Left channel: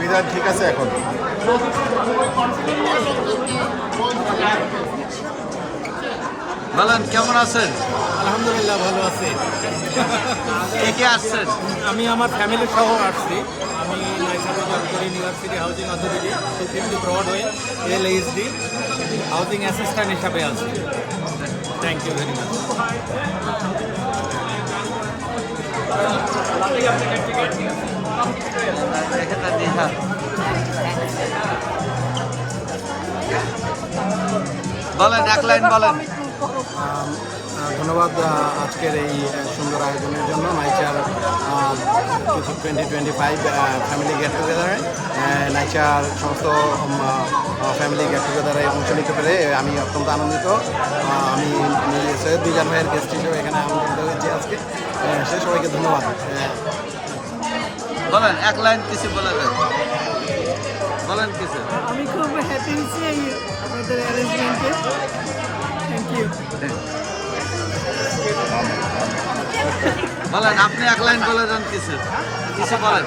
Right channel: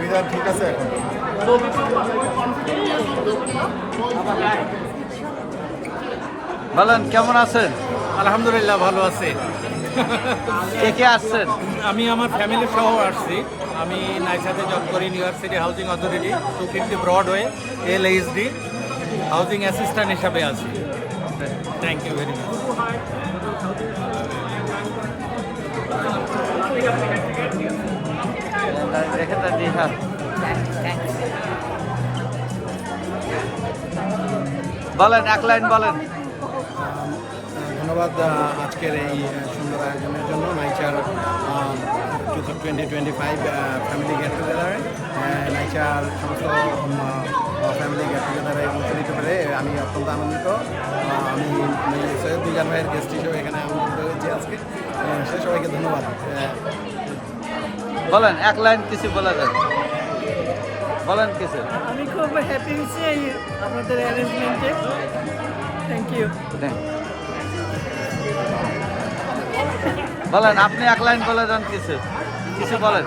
বিধান ঠিক আছে এখন। বলেন কেমন আছেন? আলহামদুলিল্লাহ ভালো আছে। কে কে আসছেন? আমি আমার ফ্যামিলি সহ আসছি। আমি নাইসাতে জব করি, New York City Housing Authority 250 Broadway LHD housing assistant হিসাবে আছি। Thank you very much. বলেন এক লাইন বলেন। ধন্যবাদ আজকের এই সুন্দর আয়োজনের জন্য। নাইচার 2025 ফ্যামিলি গেট টুগেদারে নাইচার সমস্ত ফ্যামিলি গেট টুগেদারে অংশ নিতে পেরে আমি অত্যন্ত আনন্দিত। আমি সৈয়দ দিগার ভাইয়ের গেস্ট হিসেবে এখানে আমন্ত্রিত হয়েছি আজকে। সে সবাইকে ধন্যবাদ। বলেন এক লাইন কিছু বলে দেন, বলেন কিছু। আমি খুব হ্যাপি হয়েছি এই আপনাদের অ্যারেঞ্জমেন্টে। Thank you. বলেন আপনি এক লাইন বলে দেন কিছু, কিছু বলেন।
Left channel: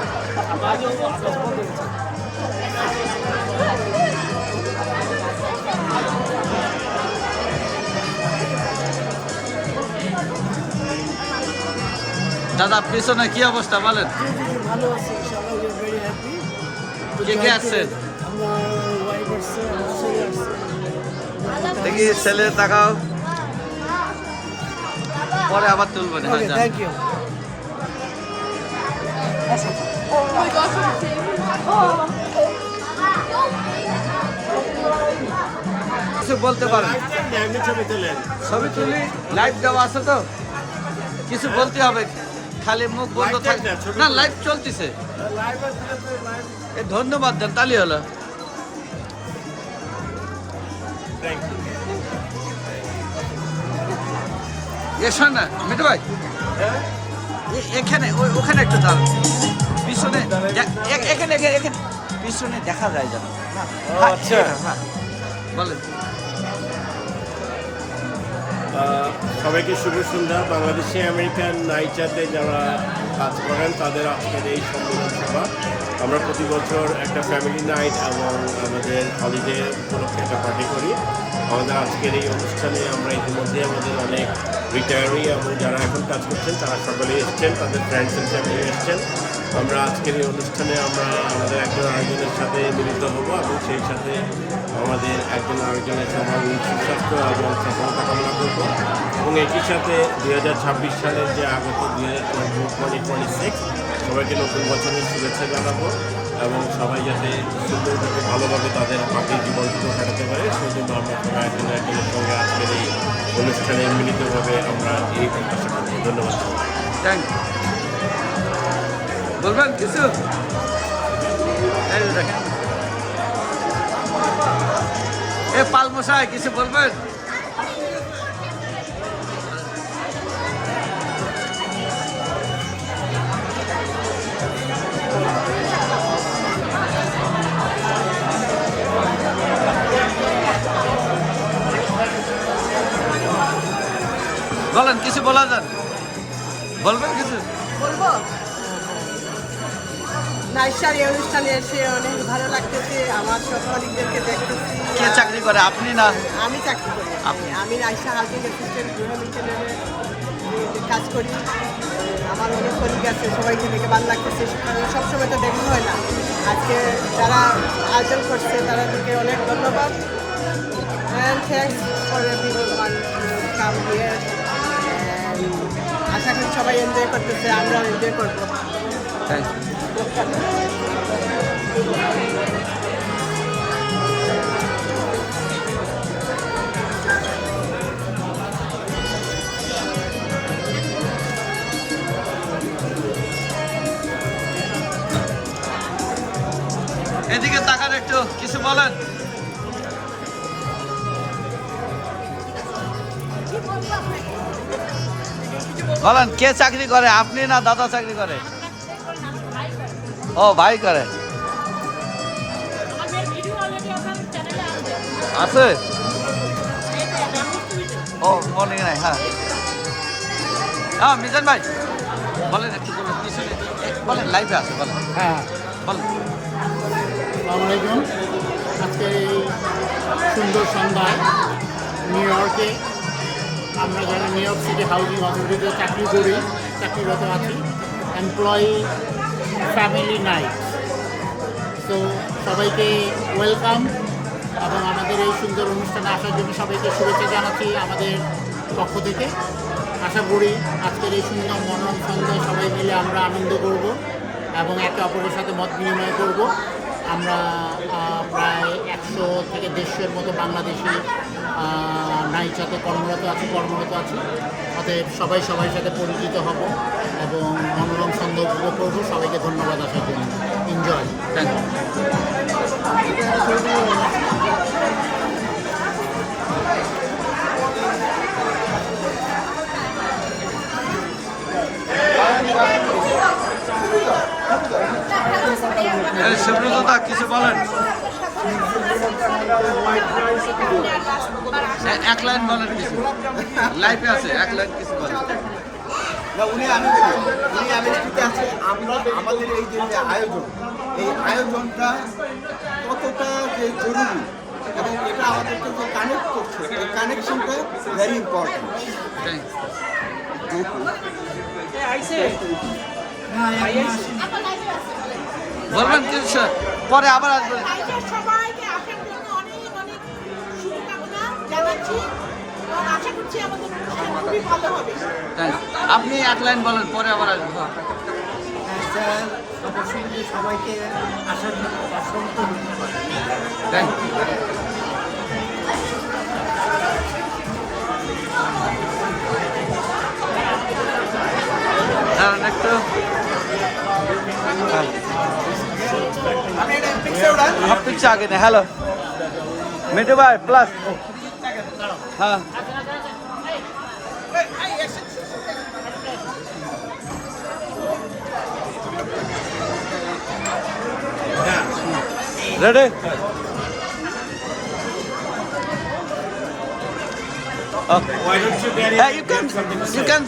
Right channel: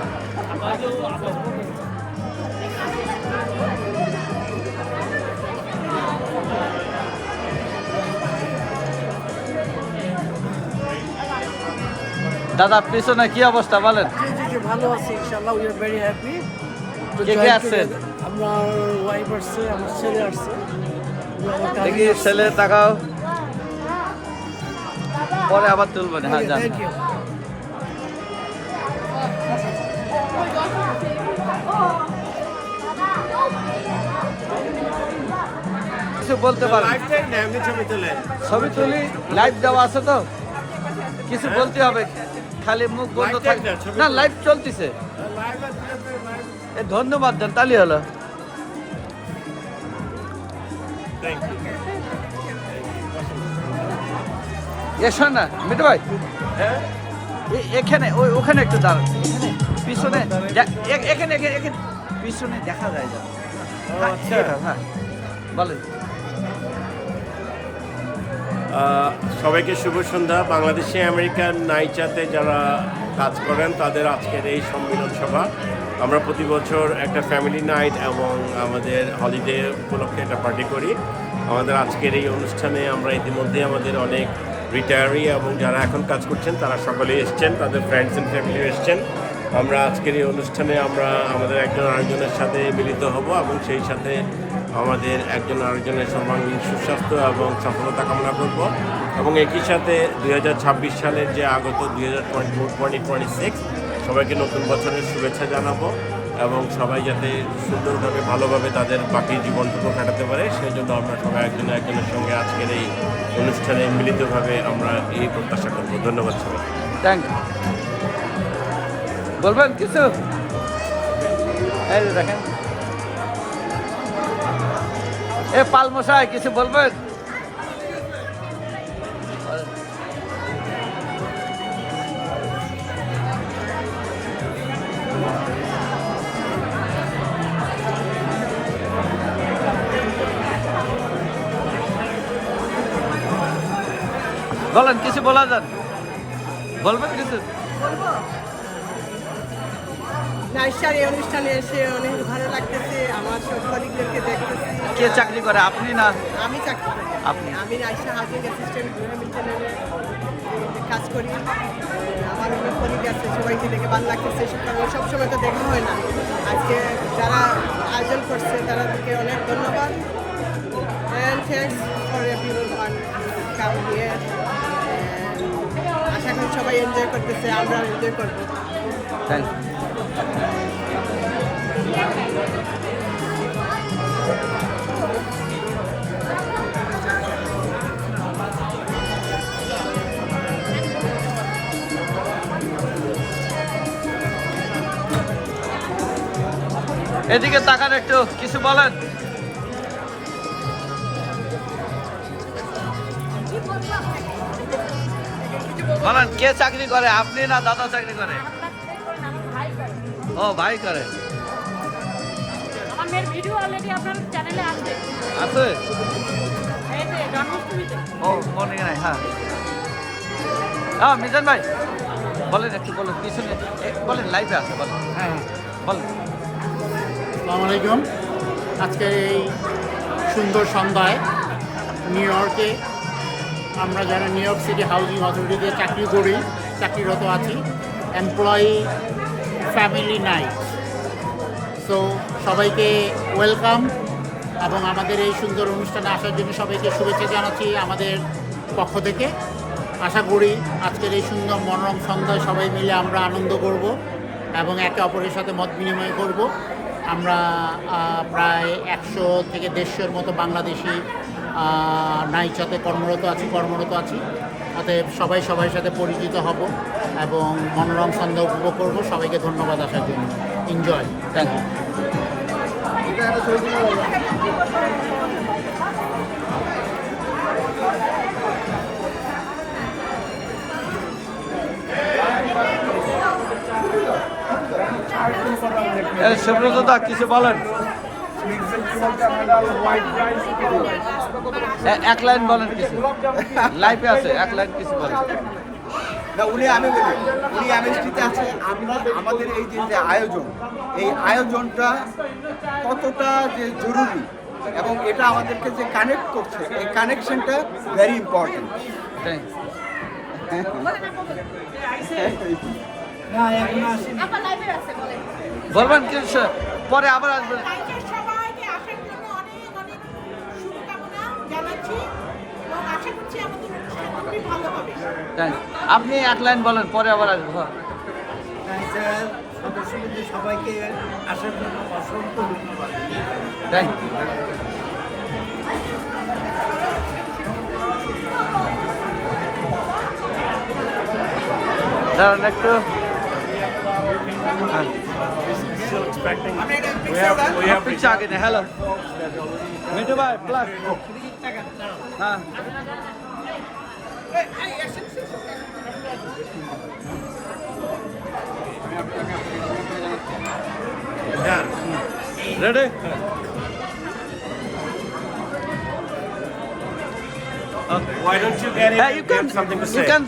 দাদা পিছনে কি অবস্থা বলেন? ভালো আছি ইনশাআল্লাহ। We are very happy. কে আছে? আমার ওয়াইফ আসছে, আমার ছেলে আসছে। দেখি ছেলে তাকাও, পরে আবার তুলবেন। হ্যাঁ যান। Thank you. কিছু বলতে পারেন? ছবি তুলি, লাইভ দেওয়া আছে তো, কিছু বলতে হবে, খালি মুখ বন্ধ থাকে না। লাইভ চলতেছে, ধন্যবাদ দেন, তালি হলো। এসো না মিতু ভাই, এখানে ওখানে একটু দাঁড়ান, পিছনে এখানে এখানে পিছনে দেখা যায় যেন। হ্যাঁ বলেন। সবাইকে শুভ সন্ধ্যা। বাংলাদেশে আমেরিকান নাইচাতে যারা কাজ করেন তাদের আজকের এই সম্মেলন সভা। আমরা প্রতি বছর একটা ফ্যামিলি নাইট এবং আমাদের হলিডে উপলক্ষে একটা পার্টি করি। আমাদের আজকের এই অনুষ্ঠানে আমরা ইতিমধ্যে আমাদের অনেক রিটায়ারি এবং যারা এখন কাজ করছেন তারা সকলেই এসছেন, তাদের ফ্রেন্ডস অ্যান্ড ফ্যামিলি এসছেন। আমরা আজকের এই অনুষ্ঠানে আমরা আমাদের একজন আরেকজনের সাথে মিলিত হব এবং সেই সাথে আমাদের একজন আরেকজনের সর্বাঙ্গীন সুস্বাস্থ্য এবং সফলতা কামনা করব এবং একই সাথে 2026 সালের যে আগত 2026 সবাইকে নতুন বছরের শুভেচ্ছা জানাবো এবং সবাই যাতে সুন্দরভাবে ভালোভাবে তাদের বাকি জীবনটুকু কাটাতে পারে সেই জন্য আমরা সবাই একজন একজনের সঙ্গে আজকের এই অনুষ্ঠানে মিলিতভাবে আমরা এই প্রত্যাশা করব। ধন্যবাদ সবাই। Thank you. বলবেন কিছু? এ পালমশাই কিছু বলবেন? বলেন কিছু বলা যান, বলবেন কিছু? নাইসার এই অনুষ্ঠানে এসে অনেক ভালো লাগতেছে। আমার সব কলিগদেরকে দেখতেছি। কে চাকরি করে, আপনি না? আমি চাকরি করি। আপনি? আমি নাইসা হাউজিং অ্যাসিস্ট্যান্ট গৃহ মিশনারে কাজ করি। আমার অনেক কলিগ আছে, সবাইকে দেখে ভালো লাগতেছে। কারণ সবসময় তো দেখা হয় না। আজকে যারা আয়োজন করছে তাদেরকে অনেক ধন্যবাদ। And thanks for everyone to come here. আশা করি সবাই এনজয় করতেছে, আমরাও এনজয় করবো। Thank you. এদিকে তাকান একটু, কিছু বলেন। বলেন কে চাকরি করে, আপনি না দাদা চাকরি করে? ও ভাই করে। আছে? ও মনে নাই। হ্যাঁ হ্যাঁ মিজান ভাই বলেন, একটু বলেন, পিছনে বলেন, লাইভে আছে, বলেন। হ্যাঁ, বলেন। আসসালামু আলাইকুম। আজকের এই সুন্দর সন্ধ্যায় নিউ ইয়র্কে আমরা যারা নিউ ইয়র্ক সিটি হাউজিং অথরিটিতে চাকরিরত আছি, এমপ্লয়ি ফ্যামিলি নাইট। তো সবাইকে ওয়েলকাম এবং আমাদের এই সুন্দর অনুষ্ঠানে আসার জন্য সবাইকে শুভেচ্ছা জানাচ্ছি আমাদের পক্ষ থেকে। আশা করি আজকের এই সুন্দর মনোরম সন্ধ্যায় সবাই মিলে আমরা আনন্দ করব এবং একে অপরের সাথে মত বিনিময় করব। আমরা প্রায় 100 থেকে 150-এর মতো বাংলাদেশি নাইচাতে কর্মরত আছি। অতএব সবাই সবার সাথে পরিচিত হব এবং মনোরম সন্ধ্যা উপভোগ করব। সবাইকে ধন্যবাদ আসার জন্য। Enjoy. Thank you. Subrata da কিছু বলেন, এক লাইন বলেন, কিছু লাইফে আছে, এক লাইন কিছু বলেন। না উনি আমি বলি, উনি আমেরিকাতে আছে। আমরা আমাদের এই যে আয়োজন, এই আয়োজনটা কতটা যে জরুরি এবং এটা আমাদেরকে যে কানেক্ট করছে, এই কানেকশনটা ভেরি ইম্পর্টেন্ট। থ্যাংকস। বলবেন কিছু, পরে আবার আসবেন। সবাইকে আসার জন্য অনেক অনেক শুভকামনা জানাচ্ছি এবং আশা করছি আমাদের অনুষ্ঠান খুবই ভালো হবে। থ্যাংকস। আপনি এক লাইন বলেন, পরে আবার আসবো। সবাইকে আসার জন্য অসংখ্য ধন্যবাদ। Thank you. দাঁড়ান একটু। আপনি আগে না। হ্যালো মিঠু ভাই প্লাস। হ্যাঁ ready? Why don't you get you can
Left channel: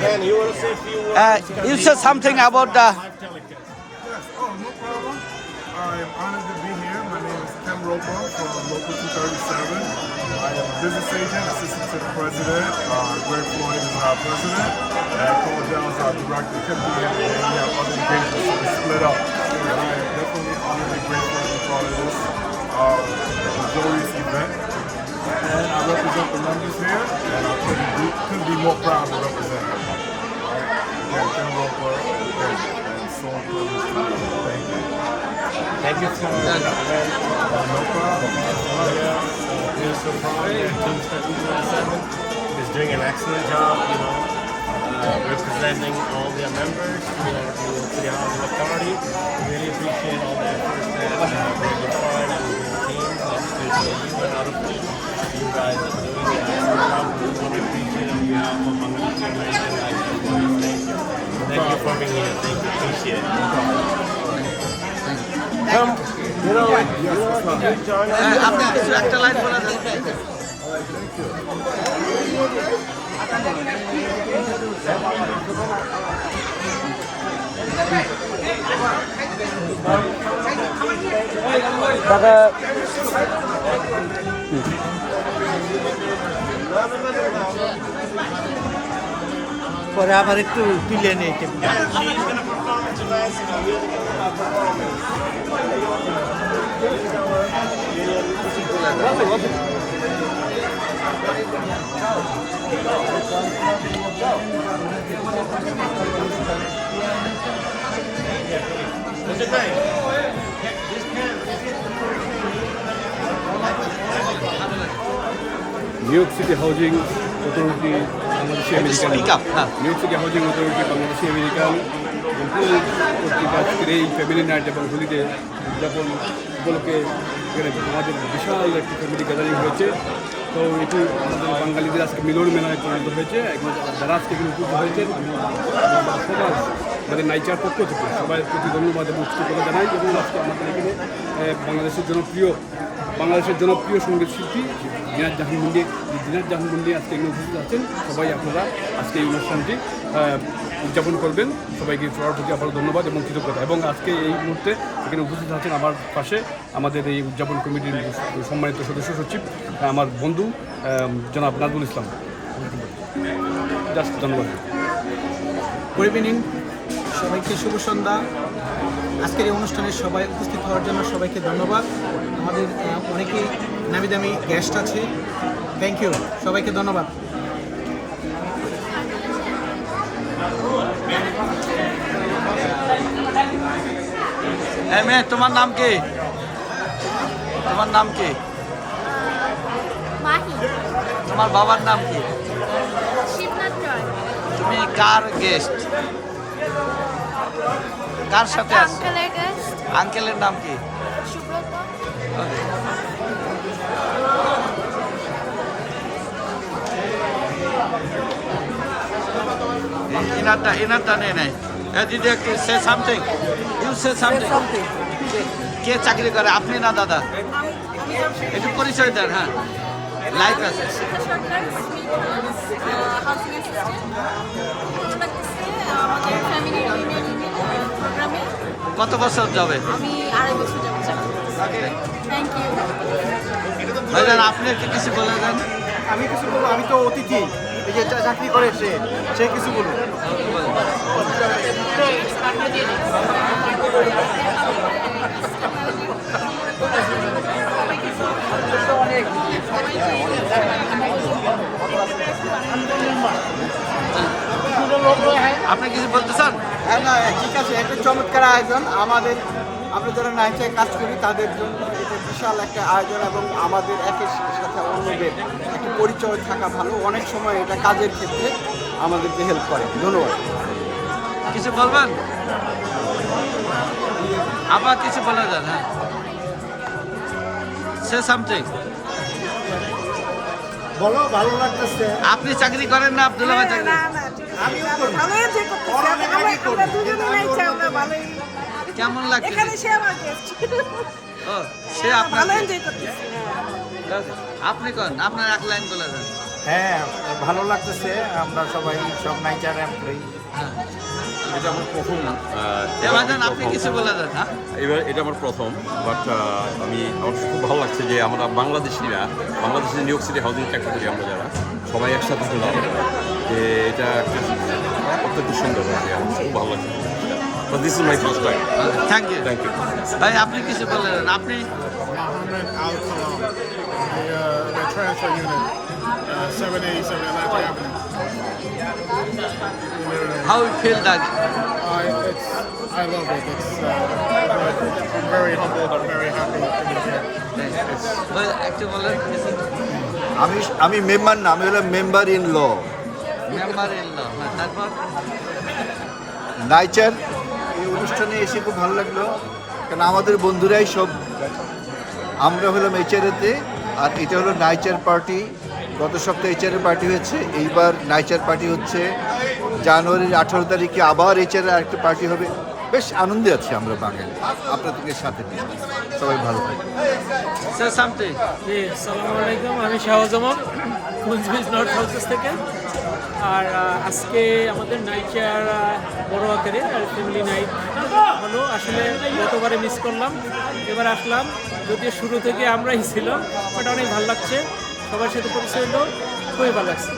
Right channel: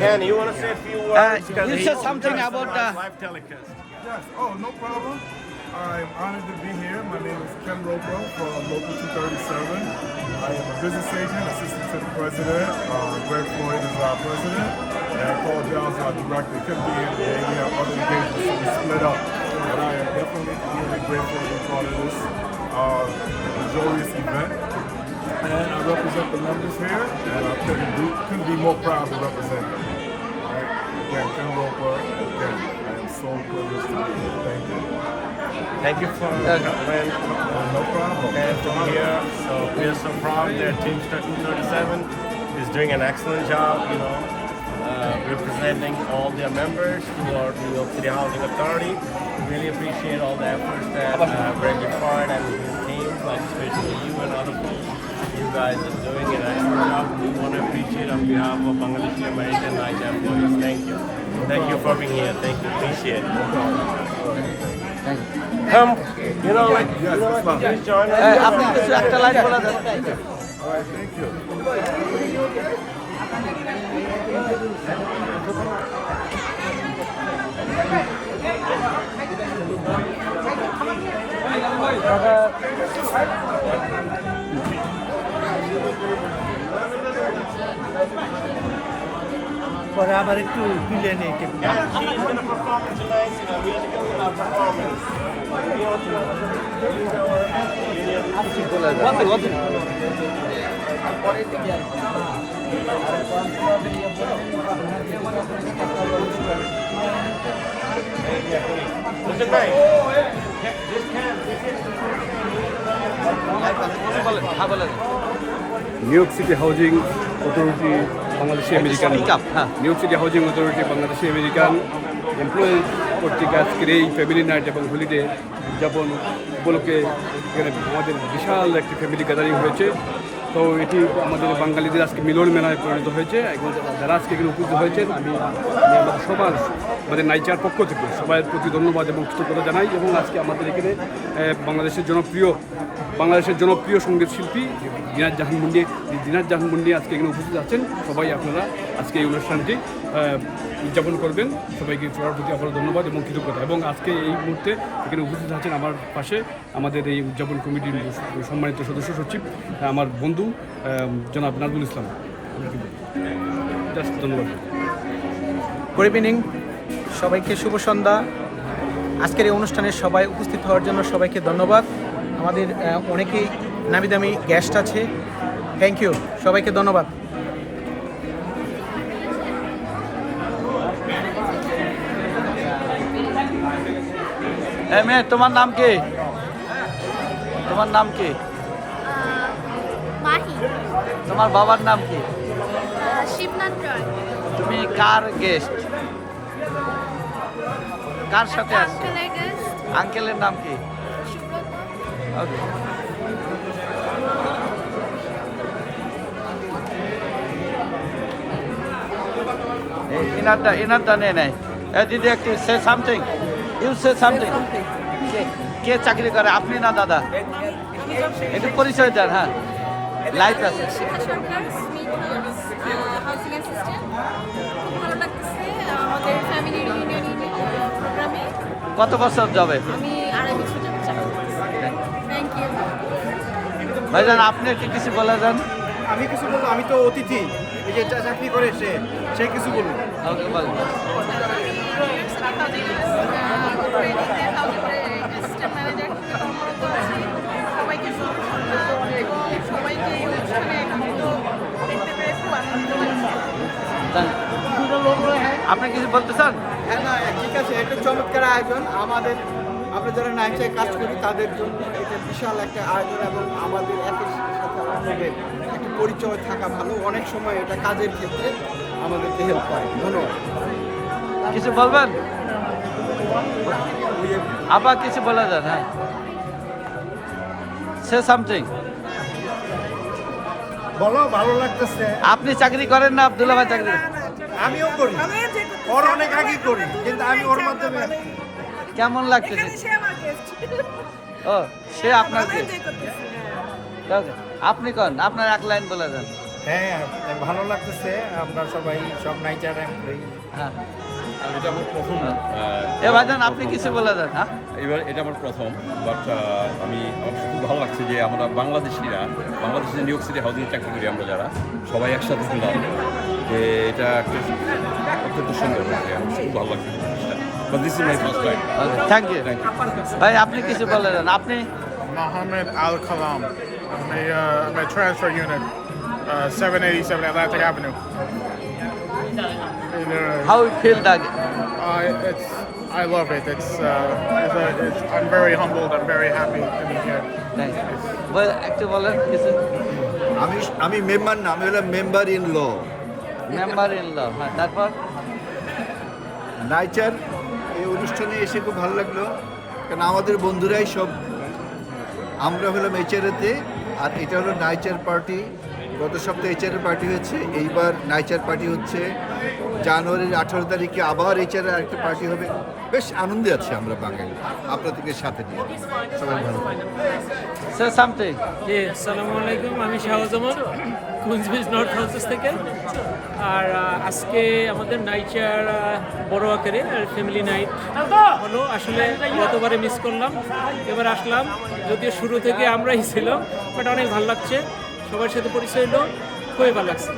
Man, you want to say a few words? you said something about the Yes. Oh, no problem. I'm honored to be here. My name is Ken Roper from Local 237. I am a business agent, assistant to the president. Greg Floyd is our president, and Paul Dell is our director. He couldn't be here today. We have other engagements, so we split up. But I am definitely honored and grateful to be part of this joyous event. And I represent the members here, and I couldn't be more proud to represent them. All right. Again, Ken Roper, and again, I am so privileged to be here. Thank you. Thank you for coming. No problem. Here. So we're so proud that Teamster 237 is doing an excellent job, representing all their members who are New York City Housing Authority. We really appreciate all the efforts that Greg Ford and his team, like especially you and other folks, you guys are doing an excellent job. We want to appreciate on behalf of Bangladeshi American Night employees. Thank you. Thank you for being here. Thank you. Appreciate it. No problem. All right. Thank you Yes, that's fine. আপনি কিছু একটা line বলে দেন। পরে আবার একটু তুলে নিই new York City Housing authority Bangladeshi American Speak up, হ্যাঁ। New York City Housing authority Bangladeshi American employee কর্তৃক আজকের এই ফ্যামিলি নাইট এবং হোলিডে উদযাপন উপলক্ষে এখানে আমাদের বিশাল একটি ফ্যামিলি গ্যাদারিং হয়েছে। তো এটি আমাদের বাঙালিদের আজকে মিলন মেলায় পরিণত হয়েছে এবং যারা আজকে এখানে উপস্থিত হয়েছেন আমি আমাদের সবার আমাদের নাইচার পক্ষ থেকে সবাই প্রতি ধন্যবাদ এবং কৃতজ্ঞতা জানাই। এবং আজকে আমাদের এখানে বাংলাদেশের জনপ্রিয় সঙ্গীত শিল্পী দিনাজ জাহান মুন্ডি আজকে এখানে উপস্থিত আছেন। সবাই আপনারা আজকে এই অনুষ্ঠানটি উদযাপন করবেন। সবাইকে সবার প্রতি আবার ধন্যবাদ এবং কৃতজ্ঞতা। এবং আজকে এই মুহূর্তে এখানে উপস্থিত আছেন আমার পাশে আমাদের এই উদযাপন কমিটির সম্মানিত সদস্য সচিব আমার বন্ধু জনাব নাজমুল ইসলাম। জাস্ট ধন্যবাদ। গুড ইভিনিং, সবাইকে শুভ সন্ধ্যা। আজকের এই অনুষ্ঠানে সবাই উপস্থিত হওয়ার জন্য সবাইকে ধন্যবাদ। আমাদের অনেকেই নামি দামি গেস্ট আছে, থ্যাংক ইউ, সবাইকে ধন্যবাদ। মেয়ে তোমার নাম কি? তোমার নাম কি? মাহি। তোমার বাবার নাম কি? শিবনাথ রয়। তুমি কার গেস্ট? কার সাথে আসছো? আঙ্কেলের গেস্ট আঙ্কেলের নাম কি? সুব্রত। ওকে। ইনারটা নেই নাই। দিদি একটু say something, you say something. কে চাকরি করে, আপনি না দাদা? একটু পরিচয় দেন। হ্যাঁ, লাইট আছে। শিখা সরকার, স্মিথ হাউসিং অ্যাসিস্ট্যান্ট। খুব ভালো লাগতেছে আমাদের ফ্যামিলি রিউনিয়ন প্রোগ্রামে। কত বছর যাবে? আমি 2.5 বছর যাবো। Thank you. ভাইজান আপনি একটু কিছু বলে যান। আমি কিছু বলবো, আমি তো অতিথি, এই যে চাকরি করে সে কিছু বলুন। ওকে বলেন। সবাইকে সবাইকে এই অনুষ্ঠানে দেখতে পেরে খুব আনন্দিত হয়েছে। আপনি কিছু বলতে চান? হ্যাঁ, না ঠিক আছে, একটা চমৎকার আয়োজন। আমরা যারা নাইটায় কাজ করি তাদের জন্য এটা বিশাল একটা আয়োজন এবং আমাদের একের সাথে অন্যদের একটা পরিচয় থাকা ভালো। অনেক সময় এটা কাজের ক্ষেত্রে আমাদেরকে হেল্প করে। ধন্যবাদ। কিছু বলবেন? আবার কিছু বলে যান। হ্যাঁ, সে সামথিং। বলো, ভালো লাগতেছে। আপনি চাকরি করেন না? আব্দুল্লাহ ভাই চাকরি? আমিও করি, ওর অনেক আগে করি, কিন্তু আমি ওর মাধ্যমে। কেমন লাগছে? ও, সে আপনার আপনি কন, আপনার এক লাইন বলে যান। হ্যাঁ, ভালো লাগতেছে। আমরা সবাই সব নাইচার এমপ্লয়ি। হ্যাঁ, এটা আমার প্রথম এ ভাইজান আপনি কিছু বলে যান। হ্যাঁ, এটা আমার প্রথম, বাট আমার খুব ভালো লাগছে যে আমরা বাংলাদেশিরা নিউ ইয়র্ক সিটি হাউজিং চাকরি করি আমরা যারা সবাই একসাথে হলাম, যে এটা একটা অত্যন্ত সুন্দর হয়েছে। আমার খুব ভালো লাগছে। But this is my first time. Thank you. Thank you. ভাই আপনি কিছু বলে যান। আপনি? Mohammed Al Kalam, my transfer unit, 787 Atlantic Avenue. How you feel that? I love it. I'm very humbled. I'm very happy to be here. একটু বলেন কিছু। আমি মেম্বার না, আমি হলাম member in law. Member in law. হ্যাঁ, তারপর নাইচার এই অনুষ্ঠানে এসে খুব ভালো লাগলো, কারণ আমাদের বন্ধুরাই সব। আমরা হলাম এইচআরএতে, আর এটা হলো নাইচার পার্টি। গত সপ্তাহে এইচআরএ পার্টি হচ্ছে, এইবার নাইচার পার্টি হচ্ছে। জানুয়ারির 18 তারিখে আবার এইচআরএ আরেকটা পার্টি হবে। বেশ আনন্দে আছি আমরা বাঙালি আপনাদেরকে সাথে নিয়ে। সবাই ভালো থাকবেন। Say something. জি আসসালামু আলাইকুম, আমি শাহজামান কুইন্সবিজ নর্থ হাউসেস থেকে। আর আজকে আমাদের নাইচার বড় আকারে আর ফ্যামিলি নাইট হলো। আসলে গতবারে মিস করলাম, এবার আসলাম, যদিও শুরু থেকে আমরাই ছিলাম, বাট অনেক ভালো লাগছে, সবার সাথে পরিচয় হলো, খুবই ভালো লাগছে।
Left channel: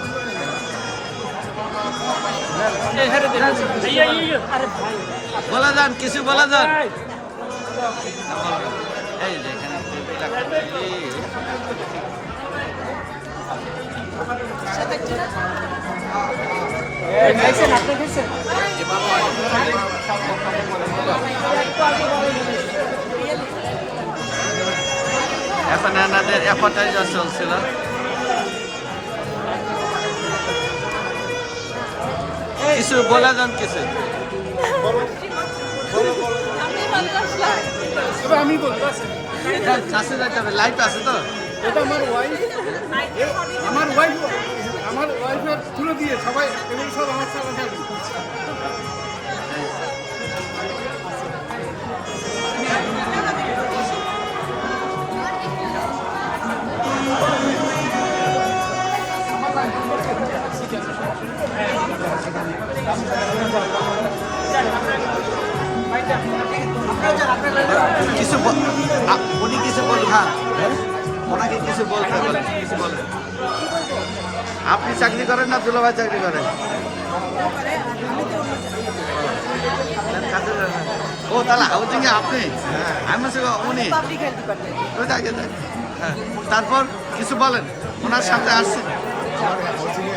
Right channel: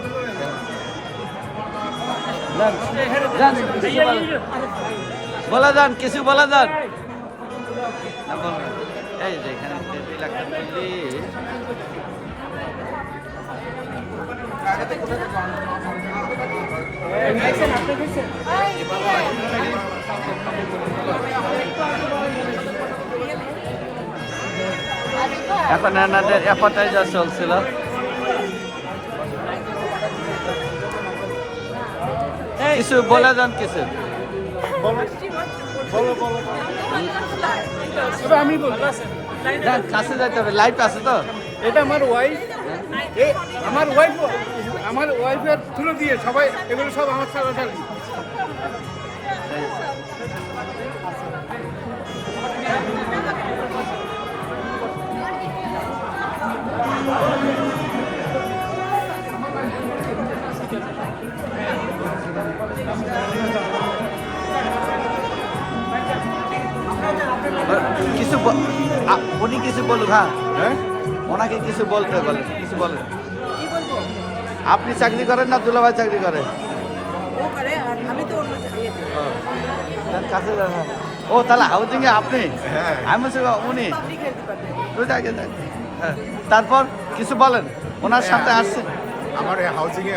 বলা যান, কিছু বলা যান। না, বলবেন। এই যে এখানে টেবিল একটা টেবিল। এখন এনাদের অ্যাপাটাইজার চলছিল। কিছু বলে যান, কিছু কাছে যাইতে হবে, লাইট আছে তো। এটা আমার ওয়াইফের তুলে দিয়ে সবাই এগুলো সব আমার সাথে কিছু উনি কিছু বলুন। হ্যাঁ, ওনাকে কিছু বলতে বলেন, কিছু বলেন। আপনি চাকরি করেন না দুলাভাই চাকরি করেন? কাছে যান। ও তাহলে হাউজিং এ আপনি? আমি বলছি উনি দুইটা আগে যান। হ্যাঁ, তারপর কিছু বলেন, ওনার সাথে আসছে। আমার হাউজিংয়ে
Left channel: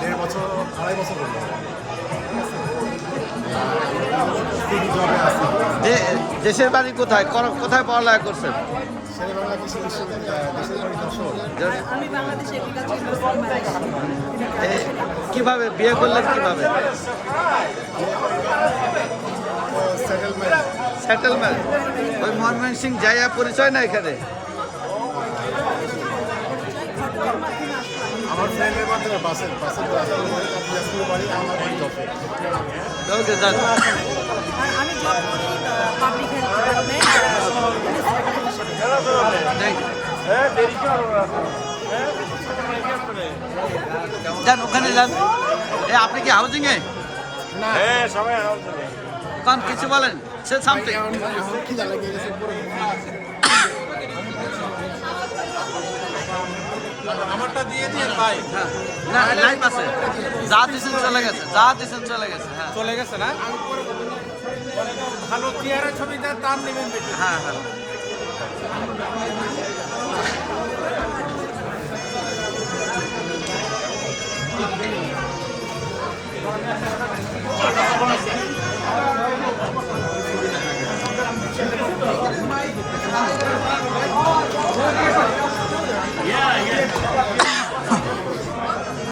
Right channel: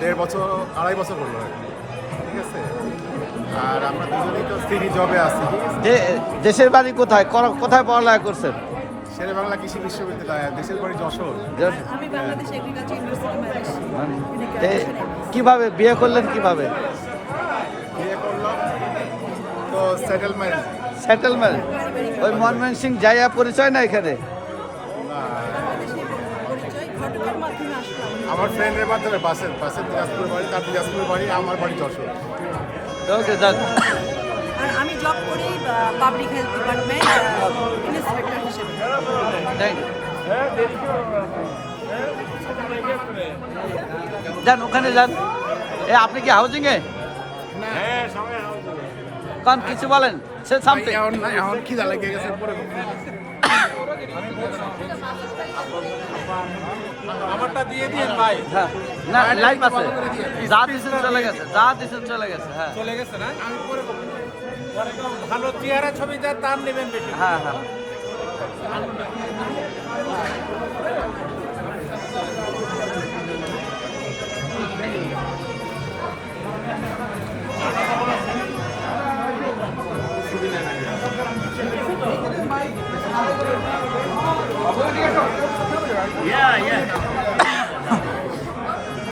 1.5 বছর 2.5 বছর হলো, ঠিক আছে। আর আমরা সিটি জবে আছি। দেশের বাড়ি কোথায়, কোথায় পড়ালেখা করছেন? শেরে বাংলা কৃষি বিশ্ববিদ্যালয়, দেশের বাড়ি যশোর। আমি বাংলাদেশ এগ্রিকালচার ইউনিভার্সিটি মালয়েশিয়া। কিভাবে বিয়ে করলেন, কিভাবে বিয়ে করলাম তো সেটেলমেন্ট? ওই মনমোহন সিং জায়গা পরিচয় না এখানে? পরিচয় ঘটকের মাধ্যমে আসলাম। আমার ফ্রেন্ডের মাধ্যমে বাসের দিনাজপুর বাড়ি, তার দিনাজপুর বাড়ি, আমার বাড়ি যশোর। ওকে, যান। আর আমি জব করি পাবলিক হেলথ ডিপার্টমেন্ট ইন্সপেক্টর হিসেবে। Thank you. যান, ওখানে যান। এ আপনি কি হাউজিং এ? হ্যাঁ, সবাই হাউজিং। কারণ কিছু বলেন, সে সামথিং। এখন খিদা লেগে গেছে। হ্যাঁ, না লাইভ আছে, যা দিছেন চলে গেছে, যা দিছেন চলে গেছে। হ্যাঁ, চলে গেছে না? আমি পরে ভালো চেহারা ছবি তার নেবেন বেশি। হ্যাঁ, হ্যাঁ। Yeah.